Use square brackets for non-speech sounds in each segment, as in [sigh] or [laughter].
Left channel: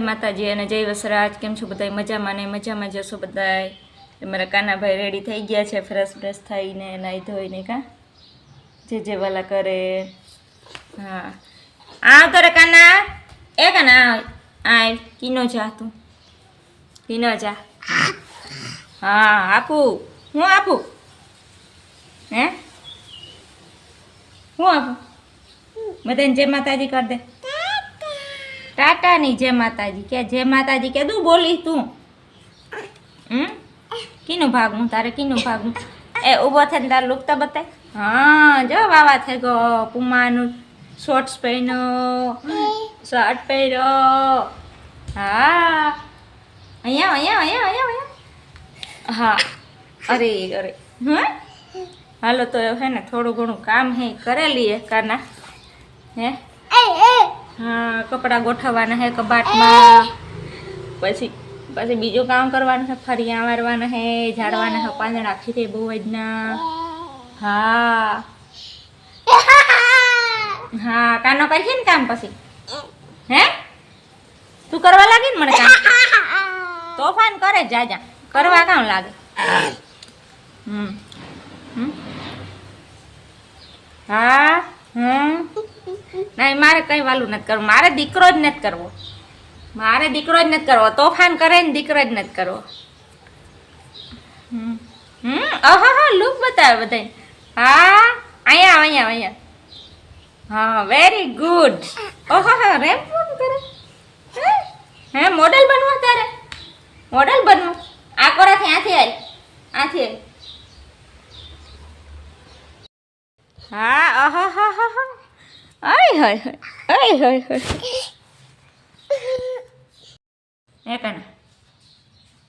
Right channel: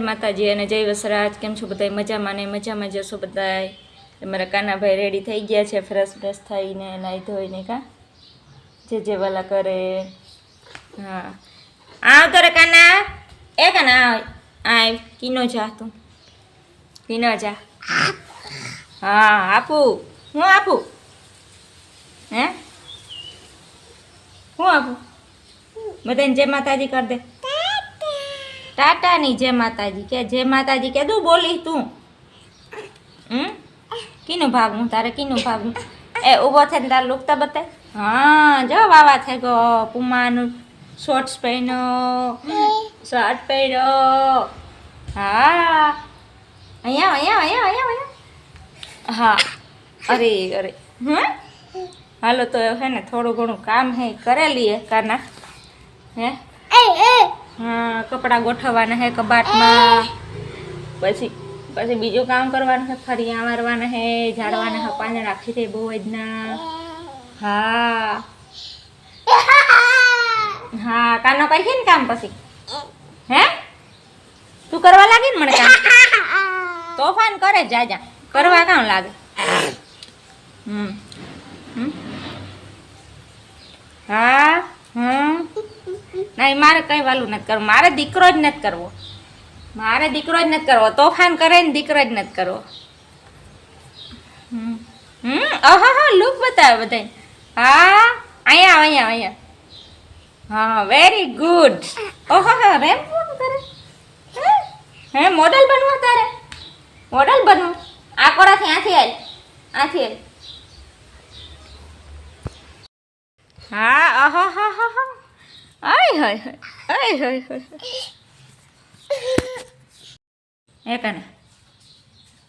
માતાજી અને જય વસરાજ, કેમ છો બધા મજામાં ને? મજામાં જશો બધાય? મારા કાનાભાઈ રેડી થઈ ગયા છે ફ્રેશ ફ્રેશ થઈને નાહી ધોઈને, કા? જે જે વાલા કરે. હા. આવ તો રે કાના. એ કાના કિનો કીનો જા તું. કીનો જા. હા, આપું. હું આપું? હે? હું આપું? બધાને જય માતાજી કર દે. ટાટાની જય માતાજી. કે જય માતાજી, કે તું બોલી તું. હમ? કીનું ભાગવું? તારે કીનું ભાગવું? એ ઊભો થઈને તારે લુકતા બતાય. હા, જો વાવા થઈ ગયો પુમાનું શોર્ટ્સ પહેર્યો. શર્ટ પહેર્યો. હા. અહીંયા અહીંયા અહીંયા અહીંયા અહીંયા. હા. અરે અરે. હમ? હાલો, તો હે ને થોડું ઘણું કામ હે, કરેલી હે, કાના. હે? હા, કપડાં ગોઠવવાના હે કબાટમાં. પછી પછી બીજું કામ કરવાનું છે ફરિયા મારવાના હે, ઝાડવાના હે, પાંદડા ખીરે બહુ જ ના. હા. હા, કાનો કરશે ને કામ પછી? હે? તું કરવા લાગી ને મને કામ? તોફાન કરે, જા જા. કરવા કામ લાગે? હમ. હા, હમ. નહીં મારે કંઈ વાલું નથી કરવું. મારે દીકરો જ નથી કરવો. મારે દીકરો જ નથી કરવો. તોફાન કરે ને દીકરો જ નથી કરવો. હમ. અહ અહા હા લુક બતાવે બધા હા અહીંયા અહીંયા અહીંયા હા વેરી ગુડ ઓહો હા રેમ કરે હે? મોડલ બનવું તારે મોડલ બનવું? આ કોરાથી આથી આવી આથી આવી હા આહા હા હા હા આય હાય આય હાય હાય. એ કને,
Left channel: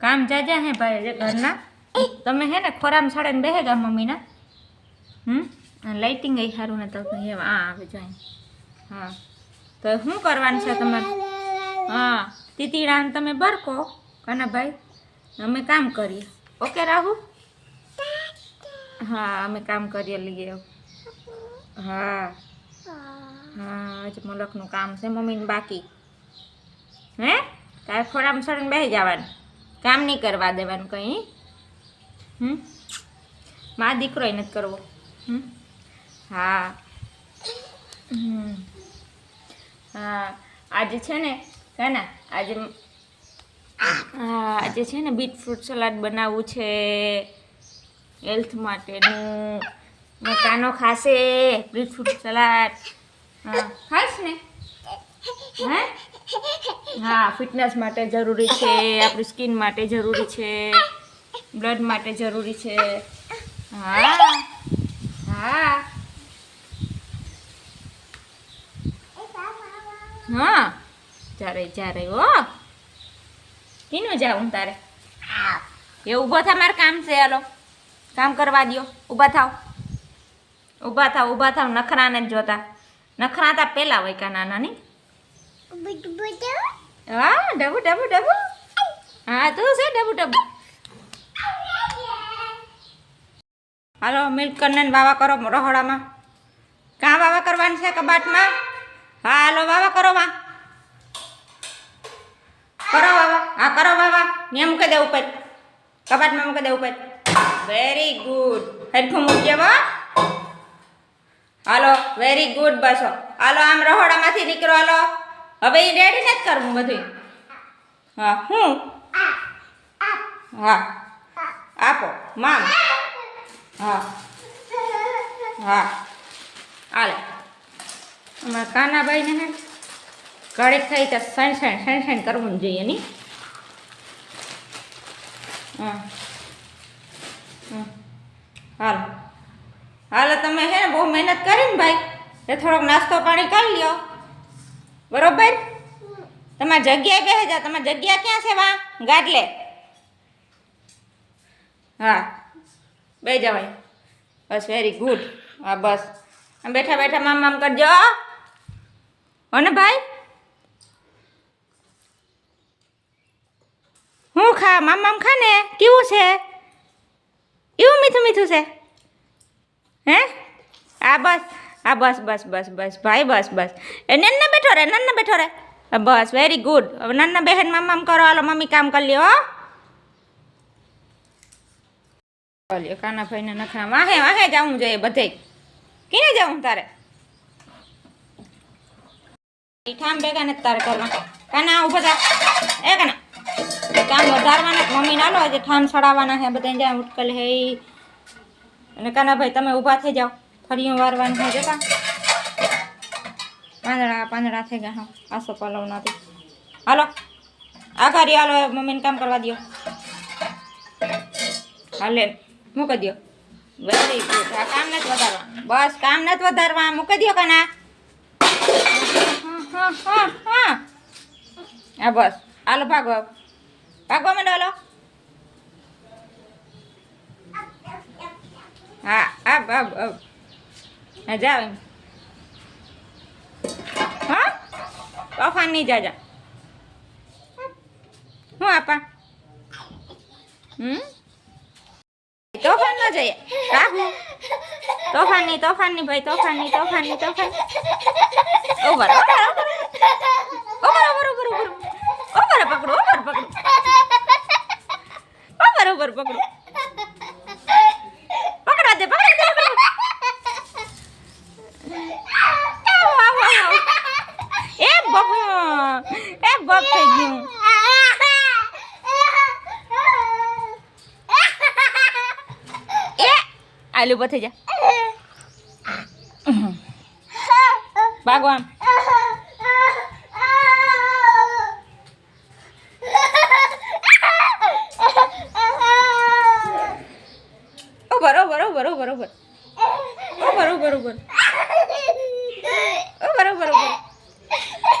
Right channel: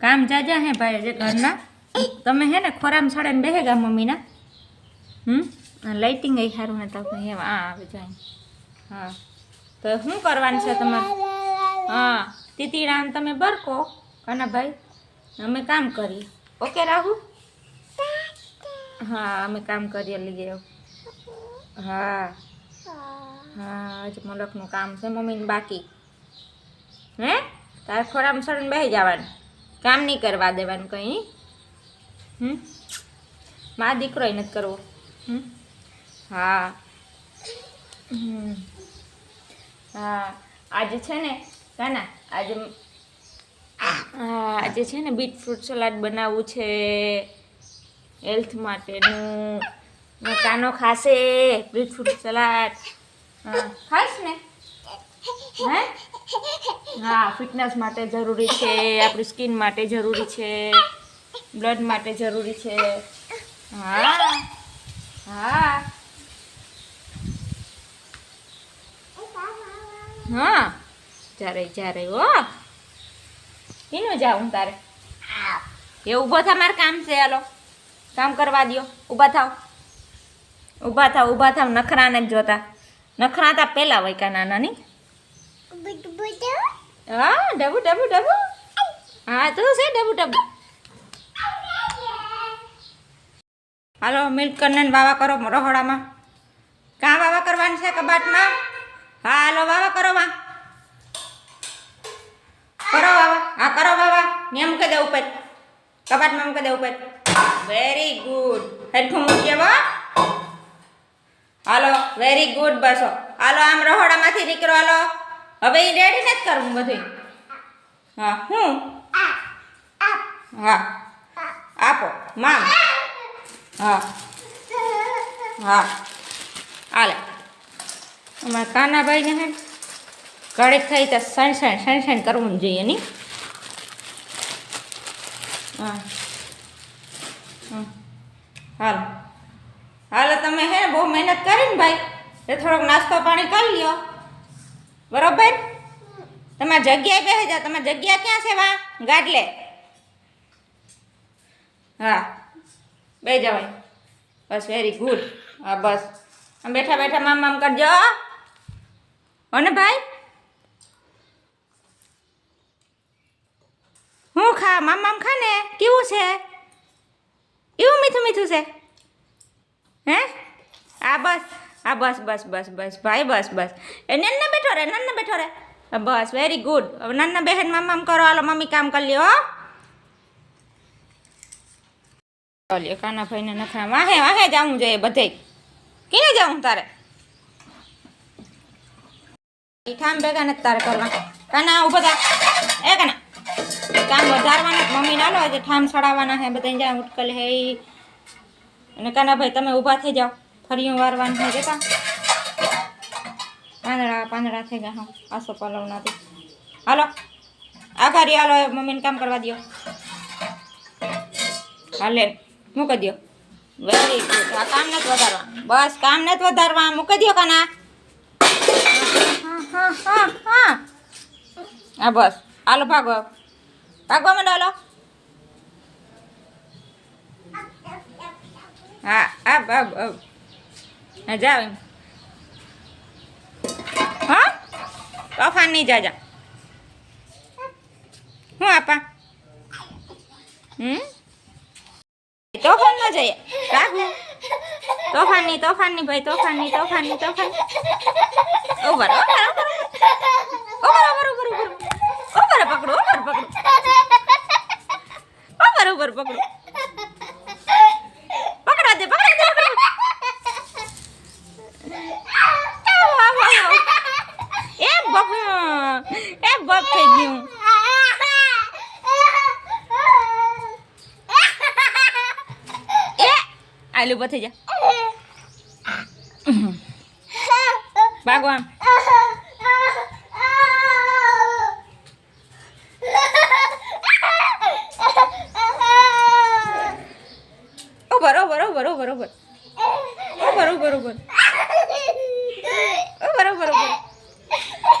કામ જાજા હે ભાઈ જે ઘરના? તમે હે ને ખોરામ સાડે બેહે ગા મમ્મીના? હમ? લાઇટિંગ એ સારું ને તો હે આ આવે જાય હા. તો શું કરવાનું છે તમારે? હા તીતીડાને તમે બરકો, કાના ભાઈ. અમે કામ કરીએ. ઓકે રાહુ? હા, અમે કામ કરીએ લઈએ હા. હા, આજે મલકનું કામ છે, મમ્મીને બાકી. હે? તારે ખોરામાં સરણ બેસી જવાનું. કામ નહીં કરવા દેવાનું કંઈ નહીં હમ? મા એ નથી કરવો. હમ? હા. હા, આજે છે ને, કાના, આજે હા, આજે છે ને બીટ ફ્રૂટ સલાડ બનાવવું છે, હેલ્થ માટેનું. કાનો ખાશે બીટ ફ્રૂટ સલાડ. હા ખાસ ને? હે? હા ફિટનેસ માટે જરૂરી છે, આપણી સ્કિન માટે જરૂરી છે બ્લડ માટે જરૂરી છે. હા હા. હા જ્યારે જ્યારે હો. કીનું જાઉં તારે. એ ઊભો થા, મારે કામ છે, હાલો. કામ કરવા દ્યો. ઊભા થાવ. ઊભા થાવ ઊભા થાવ, નખરાને જ જોતા. નખરા પેલા પહેલા હોય કા નાની હા ડબુ ડબુ ડબુ. હા તું છે ડબુ ડબુ. હાલો મિલ્ક કરને વાવા કરો રહોડામાં. કાં વાવા કરવાની છે કબાટમાં? હા હાલો વાવા કરો માં. કરો વાવા. હા કરો વાવા. ને મૂકી દે ઉપર. કબાટમાં મૂકી દે ઉપર. વેરી ગુડ હેડફોન મૂકી દેવો હાલો વેરી ગુડ બસો. હાલો, આમ રહોડામાંથી નીકળો, હાલો. હવે એ રેડી નથી કરવું બધું હા, હું? હા. આપો, મામ. હા. હા. હાલે. અમારા કાનાભાઈને હે ઘડીક થઈ તો સણ સણ સણ સણ કરવું જોઈએ નહીં હા. હાલો. હાલો તમે હે, બહુ મહેનત કરી ને ભાઈ. તો થોડોક નાસ્તો પાણી કરી લ્યો. બરોબર? તમારી જગ્યાએ બેસી જાઓ. તમારી જગ્યા ક્યાં છે વા ગાદલે. હા. બે જવાય બસ વેરી ગુડ હા, બસ. આમ બેઠા બેઠા મામ મામ કરજો, હો. ને ભાઈ? હું ખા? મામ મામ ખા ને કેવું છે? એવું મીઠું મીઠું છે? હે? આ બસ આ બસ બસ બસ બસ, ભાઈ, બસ બસ. એ નન્ને બેઠો રે, નન્ને બેઠો રે. બસ વેરી ગુડ હવે નાના બહેન મામ કરો, હાલો, મમ્મી કામ કરી લ્યો ચાલ્યો કાના ભાઈને નખરા. વાહે વાહે જવું જોઈએ બધે. કીને જવું તારે? ઠામ ભેગા નથી તારે કરવા. કાના ઊભા થા એ કાના? કામ વધારવાના મમ્મી ના લો આજે ઠામ સડાવવાના હે બધા જ્યાં ઉટકલ હે. અને કાનાભાઈ તમે ઊભા થઈ જાઓ. ફરીયું વારવાનું હે જતા પાંદડા પાંદડા થઈ ગયા હા. આસો પલવનાથી હાલો. આઘારી હાલો મમ્મીને કામ કરવા દ્યો. હાલે. મૂકી દ્યો. Very good. આ કામ નથી વધારવા. બસ કામ નથી વધારવા. મૂકી દ્યો કાના. હા હા હા હા. હા બસ. હાલો ભાગો ભાગવા માંડો હાલો. હા આપ આપ આપ હા જાવ એમ હા? તોફાન નહીં જાજા. હું આપા? હમ? તોફાન ન જઈએ. રાખું. તોફાનની તોફાનની ભાઈ, તોફાનની તોફાનની તોફાન over over over over over over પકડો ઓવર પકડો. ઓવર ઓવર પકડો. આલુ પર થઈ જા. ભાગો આમ બરો બરો બરો બરોબર ઓ બરો બરોબર બરોબર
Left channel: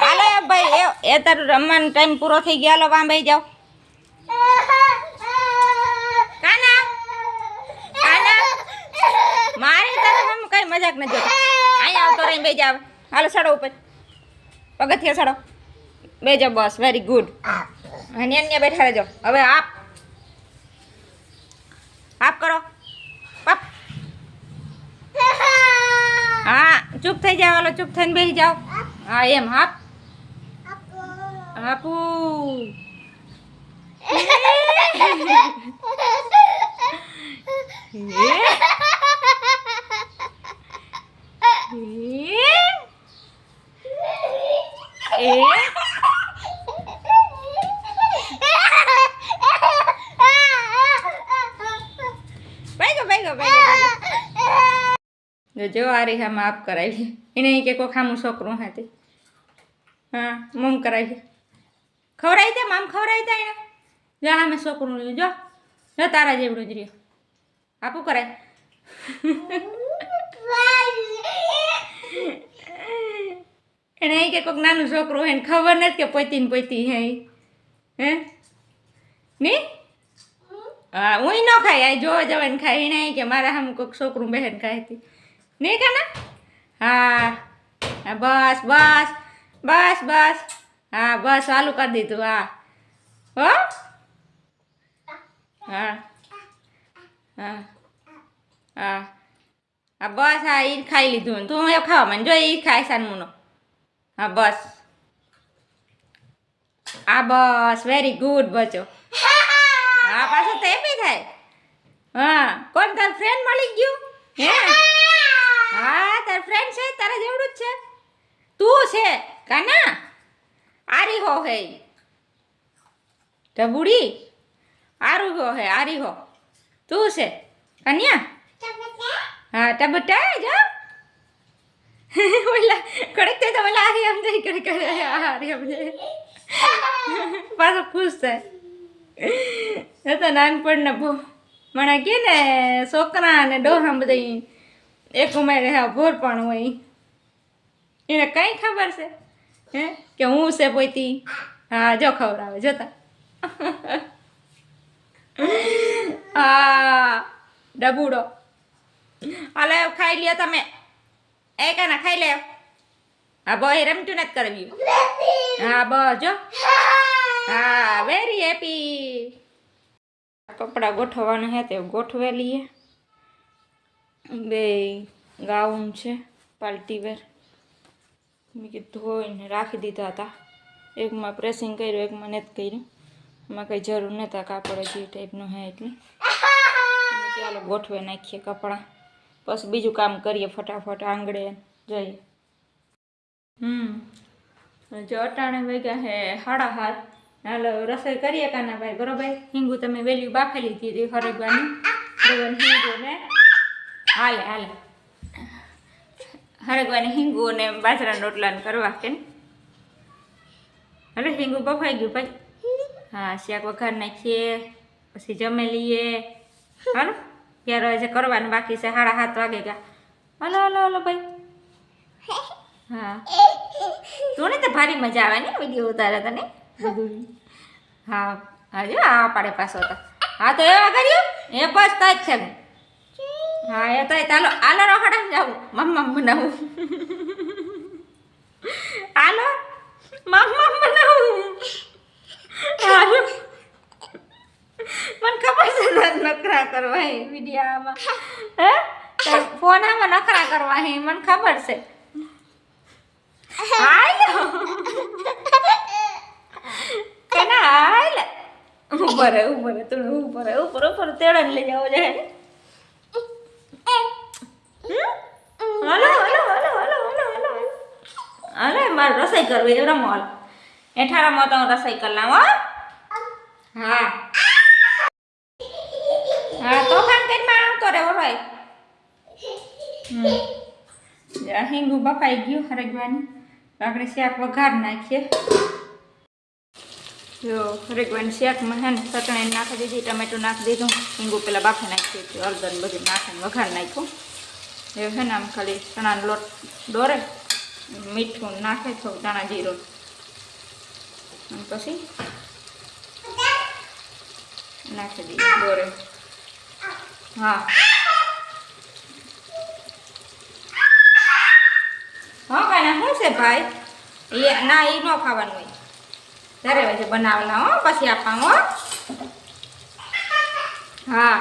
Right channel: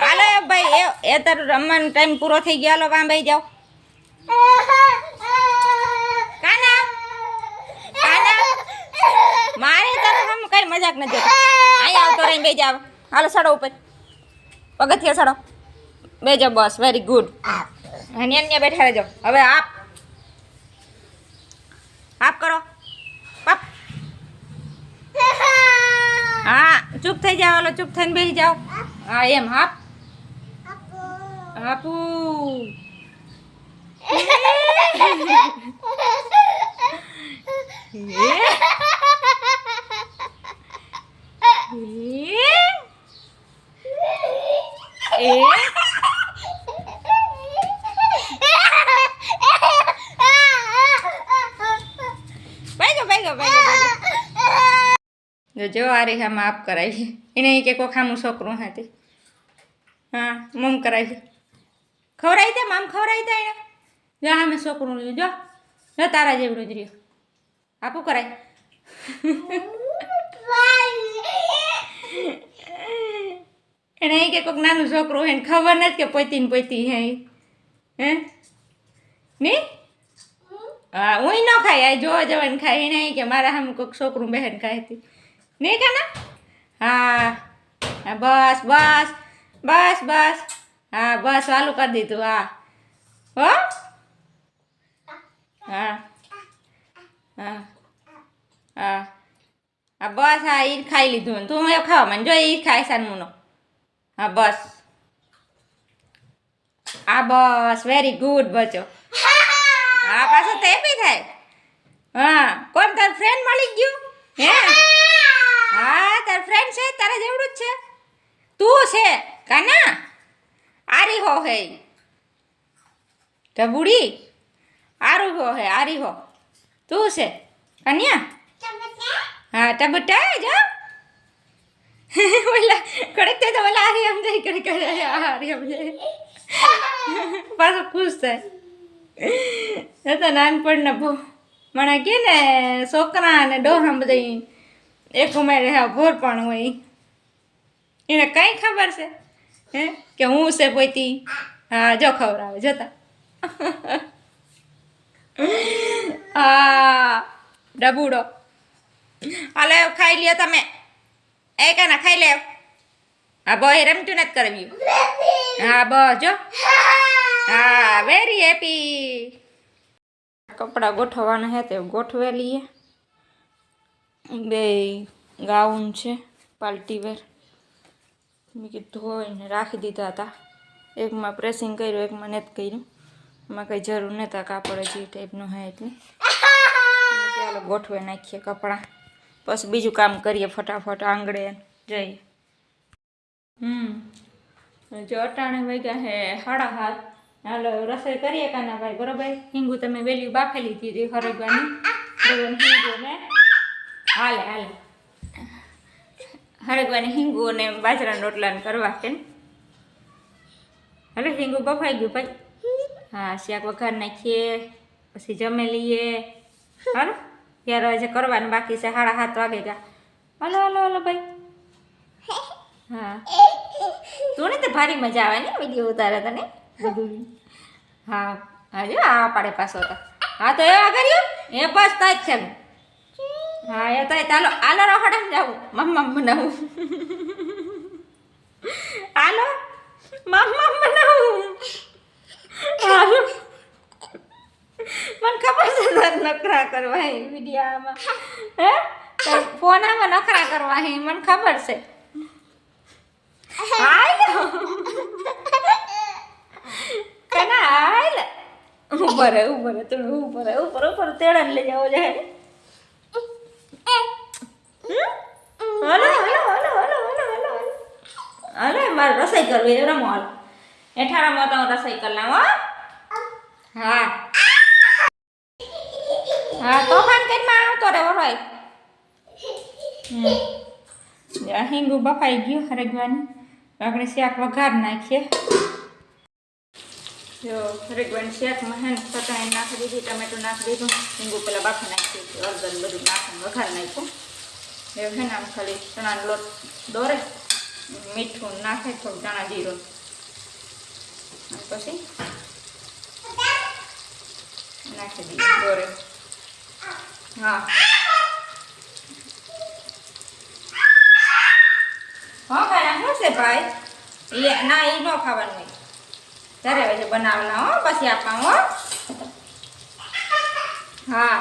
હાલો ભાઈ, એ તારું રમવાનો ટાઈમ પૂરો થઈ ગયો. હાલો, વાંભાઈ જાઓ. આવતો જાવ હાલો સડો ઉપર. પગથિયા સડો. બેજો બસ વેરી ગુડ અને અન્ય બેઠા રહેજો. હવે આપ. આપ કરો. પાપ. હા ચૂપ થઈ જાઓ હાલો ચૂપ થઈને બેસી જાઓ. હા એમ હાપ. હાપુ. [laughs] એ એ બેગો બેગો બેગો જો જો આ રીહા માફ કરાવી એને ઈ કે કોઈ ખામું છોકરું હતી હા મમ કરાવી ખવડાવી દે મામ ખવડાવી દે એને જો આમે છોકરું રહ્યું જો જો તારા જેવડું જ રહ્યું આપું કરાય એને અહીં કે કોઈક નાનું છોકરું હોય ખબર નથી કે પોતી ને પોતી હે હે? ની? હા હું ન ખાય આ જોવા જવાને ખાય. એને અહીં કે મારા સામે કોઈક છોકરું બહેન ખાય હતી. નહીં કાના? હા હા, બસ બસ બસ બસ. હા, બસ, ચાલુ કરી દીધું, હા. હો? હા. હા હા. હા, બસ, હા એ ખાઈ લીધું. તું એવું ખાવા, મને જો એ ખાય સાનમુનો હા, બસ. હા, બસ વેરી ગુડ બચો. હા, પાછો તે બી થાય. હા, કોણ તાર ફ્રેન્ડ મળી ગયું? હે? હા, તાર ફ્રેન્ડ છે, તારા જેવડું જ છે. તું છે, કાના? આરી હો હે ઢબુડી આરુ હો હે, આરી હો. તું છે, કન્યા? હા ટબટા જો ઓલા કડક થાય તો ઓલા હારી આમ જાય કડક કરે હારી આમ જાય પાછો ખુશ થાય તો નાનપણને બહુ મને કે ને છોકરા ને ડોહા બધા એક ઉમેરે હા ભોરપણ હોય એને કઈ ખબર છે હે કે હું છે પોતી હા જો ખવડાવે જોતા હા ડબુડો હાલે, ખાઈ લ્યો તમે. એ કાના, ખાઈ લે હા બોય રમતું નથી કરવી હા, બસ, જો. હા વેરી હેપી કપડાં ગોઠવવાના હે તે ગોઠવે લઈએ. બે ગાઉન છે પાર્ટી વેર. મેં કીધું ધોઈને રાખી દીધા હતા. એકમાં પ્રેસિંગ કર્યું, એકમાં નથી કર્યું. એમાં કંઈ જરૂર નહોતા કાપડ હજી ટાઈપનું હે એટલે. ચાલો ગોઠવે નાખીએ કપડાં. પછી બીજું કામ કરીએ ફટાફટ આંગળે જઈ. હમ. જો અટાણે વાગ્યા હે સાડા હાથ હાલો રસોઈ કરીએ કાના ભાઈ બરોબર? હિંગુ તમે વેલ્યુ બાફેલી હતી હરગવાની. બરોબર હિંગુ ને હાલે હાલે. હરગવાની હિંગુ અને બાજરાના રોટલાને કરવા કે હવે હિંગુ બફાઈ ગયું ભાઈ. હા, શાક વઘાર નાખીએ, પછી જમે લઈએ. હાલો. ત્યારે હજી કરવાનું બાકી છે સાડા સાત વાગે ગયા. હલો હલો હલો ભાઈ. હા. તું ને તો ભારી મજા આવે ને વીડિયો ઉતારે તને? હા હા જો આ પાડે પાછો તો. હા તો એવા કર્યું? એ બસ તો જ છે હા એ તો ચાલો આલો રખડે જાવું મમ્મમ બનાવું. આલો. મમ્મમ બનાવું. હાલો. મને ખબર છે નખરા કરવા હે મીડિયામાં હે? તાર ફોનામાં નખરા કરવા હે, મને ખબર છે. હાલ. કના, હાલ. ઉપર હે ઉપર તું ઉપર હે ઉપર ઉપર તેડન લઈ જાવ જાય hello hello hello hello hello hello અરે મારે રસોઈ કરવી રમો હાલ. હેઠા રમો તો હું રસોઈ કરી લાવો હો. હા હા તોફાન કરીમાં આવતો રે ભાઈ હમ. હિંગુ બફાઈ ગયું હરગવાની. આપણે શાક વઘાર નાખીએ. જો, હરગવાની શાકમાં હે ને ચટણી નાખી દીધી, ટમેટું નાખી દીધું. હિંગુ પેલા બાફી નાખી દીધું. હળદર બધું નાખીને વઘાર નાખ્યું. એ હે ને આમ ખાલી ચણાનો લોટ દોરે મીઠું નાખે, થોડું ધાણા જીરો. પછી નાખી દીધું, દોરે. હા. હા, ભાઈ શું છે, ભાઈ? એ ના એ ન ખાવાનું ત્યારે છે બનાવેલા હો, પછી આપવા હો. હા.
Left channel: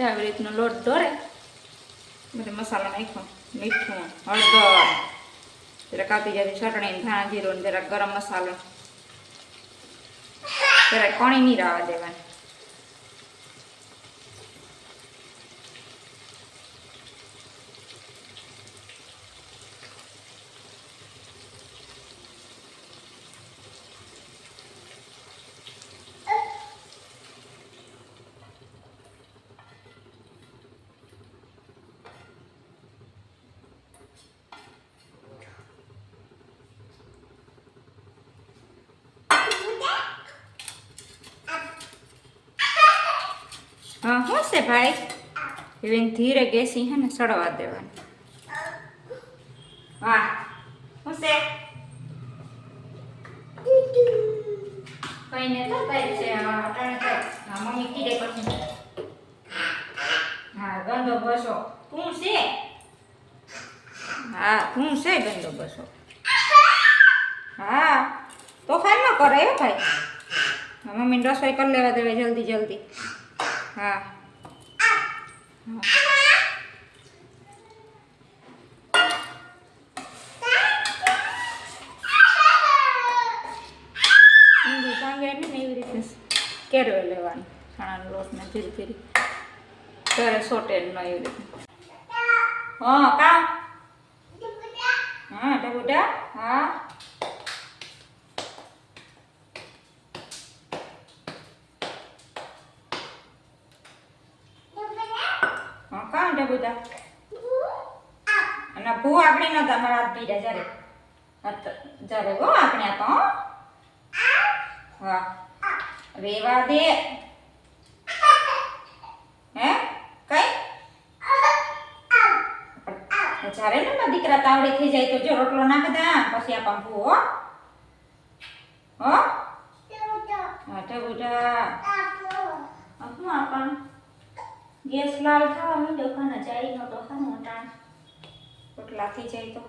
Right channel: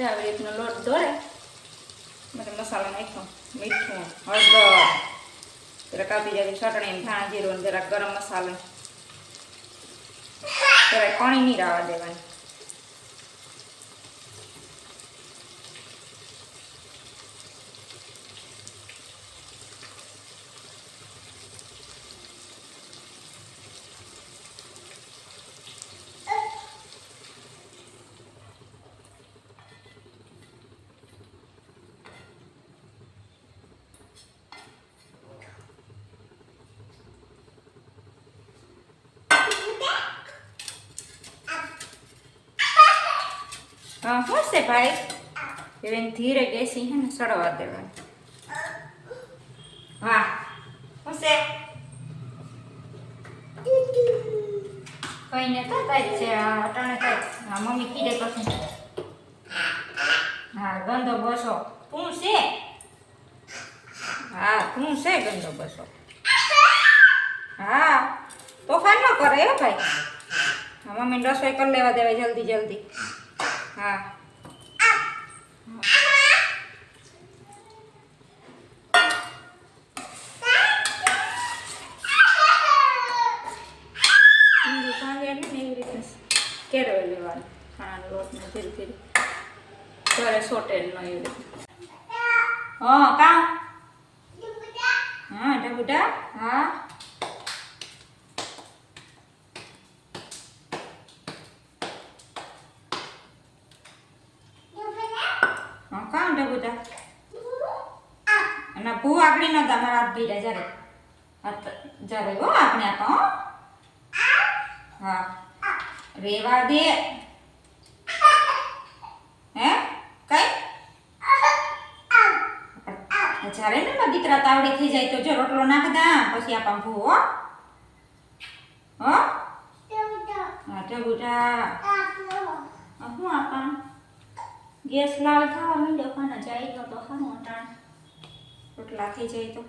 આવી રીતનો લોટ દોરે એટલે મસાલો નાખ્યો, મીઠું, હળદર. જરાક કાપી જાય ચટણી, ધાણા જીરું જરાક ગરમ મસાલો. જરાક કોણી નહીં રાવા દેવાની. હા શું છે ભાઈ એને ધીરે ગેસી હે ને સડવા દેવાની. હા શું છે કઈ ને તો તારી છે અટાણે તારી. હા, મમ્મી કીધે પછી. હા ગંદો બસો. તું છે? હા, તું છે ગંદો બસો. હા, તોફાન ન કરે હો ભાઈ? હા મમ્મીને રસોઈ કરી લેવા દેવાય જલ્દી જલ્દી. હા કેરવે લેવાનું ચણાનો લોટને ધીરે ઘરે સોટે ન એવી રીતે હા ડબુડા હા હા કામ ડબુડા અને ભૂ આપણી ન તમારા હાથ ભીડા જ્યારે. જ્યારે હો આપણે આપો હો. રેવા દે. હે? કઈ? જ્યારે ને દીકરા તાવડી થઈ જાય તો જો રોટલો નાખ દા પછી આપણ ભૂ હો. હો? હા ડબુડા આ શું આપા ગેસ લાવ થવા ખાને જાય તો ખાનું અટાણ. રોટલા થઈ જાય તો.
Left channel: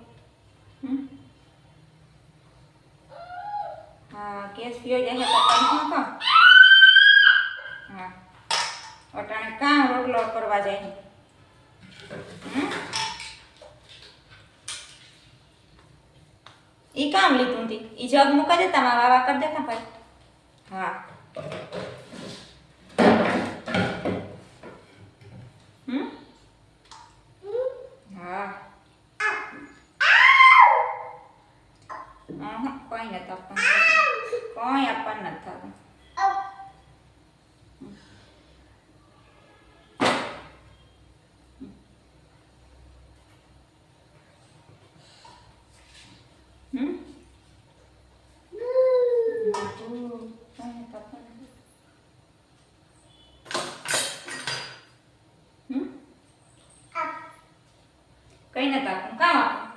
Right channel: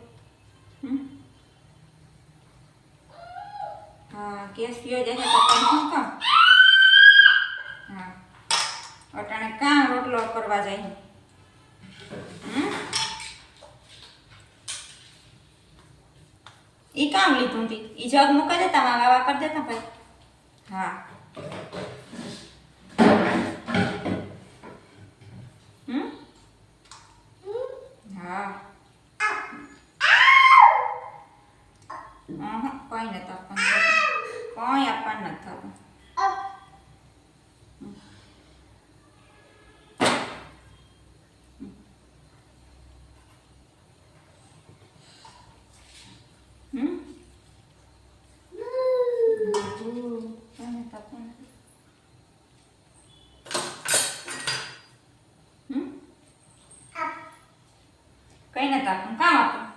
હા, ગેસ પીઓ જાય તો કાઢી તો હા. અટાણે કાં રોટલો કરવા જાય એ કામ લીધું હતી એ જગ મૂકા દેતા, મારા વાવા કરી દેતા ભાઈ હા હમ હા અહં, કોઈ નથી આપવાનું કોઈ આપવાનું નથી થતું હમ કોઈ નથી આપવાનું. હમ કઈ નથી આપવાનું? કામ આપવાનું?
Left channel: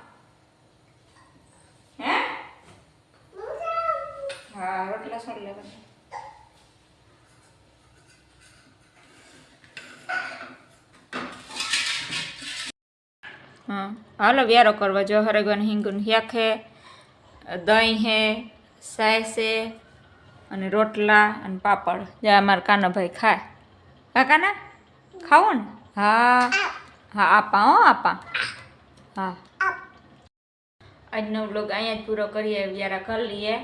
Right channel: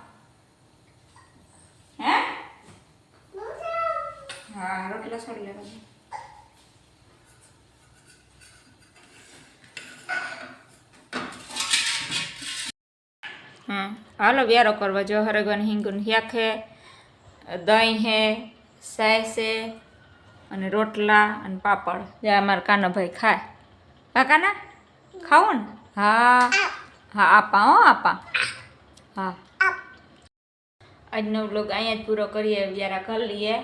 હે? હા, રોટલા છોડી લેવાના. હાલો વ્યારો કરવા જો હરગવાની હિંગુન હિયાક હે દહીં હે સાસ હે અને રોટલા અને પાપડ. જે અમારા કાનાભાઈ ખાય. હા, કાના? ખાવું ને? હા. હા, આપા હો, આપા. હા. આજનો બ્લોગ અહીંયા જ પૂરો કરીએ વ્યારા કરી લઈએ.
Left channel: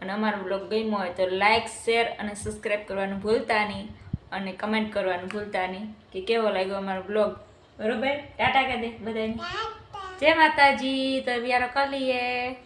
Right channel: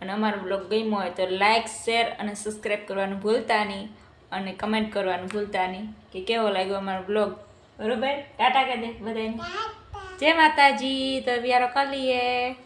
અને અમારો બ્લોગ ગમ્યો હોય તો લાઇક શેર અને સબસ્ક્રાઈબ કરવાનું ભૂલતા નહીં. અને કમેન્ટ કરવાનું ભૂલતા નહીં કે કેવો લાગ્યો અમારો બ્લોગ બરોબર? ટાટા કહી દે બધાને જય માતાજી તો વ્યારો કરી લઈએ.